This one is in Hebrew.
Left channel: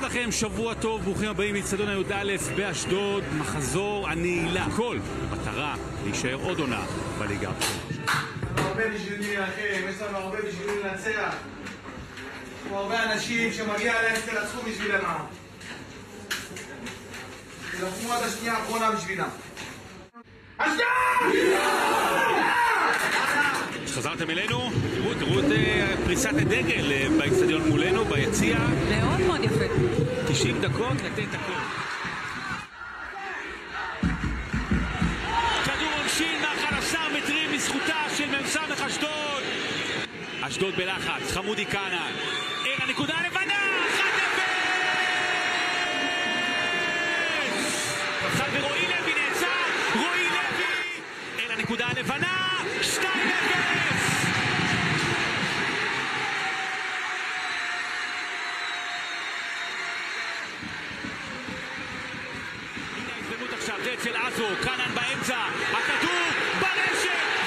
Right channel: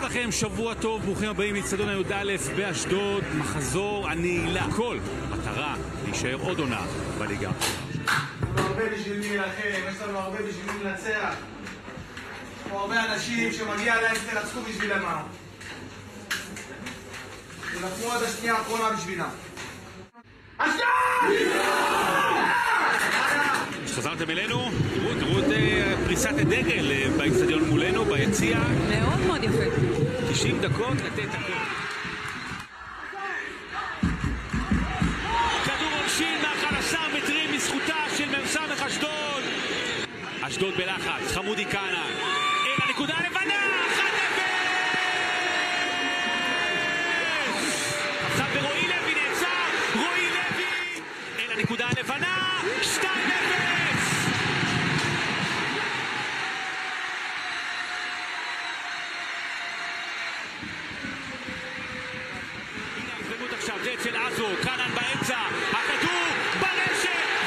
שלום לכם, שבוע טוב, ברוכים הבאים לאצטדיון י"א באשדוד, מחזור הנעילה. הכל במטרה להישאר עוד עונה בליגה הבכירה. יש לנו הרבה בשביל מי אחר, יש לנו הרבה בשביל לנצח. יש לנו הרבה אנשים שמגיע להם שתנצחו בשבילם. תלחמו עד השנייה האחרונה בשבילם. אשדוד! חזרתם אלינו, תראו את פריסת הדגל באצטדיון מולנו, ביציע. מאוד מאוד יפה. 90 דקות לתת הכל. כדור עונשין מ11 מטרים מזכותה של מ"ס אשדוד. אשדוד בלחץ, חמודי כהנן. אל הנקודה הלבנה, 1-0! קפצן ורועי לוי נעצר, רועי לוי! אל הנקודה הלבנה, 2-0! הנה ההזדמנות עכשיו, זה אצל עזו, כהנן באמצע, הכדור ברשת,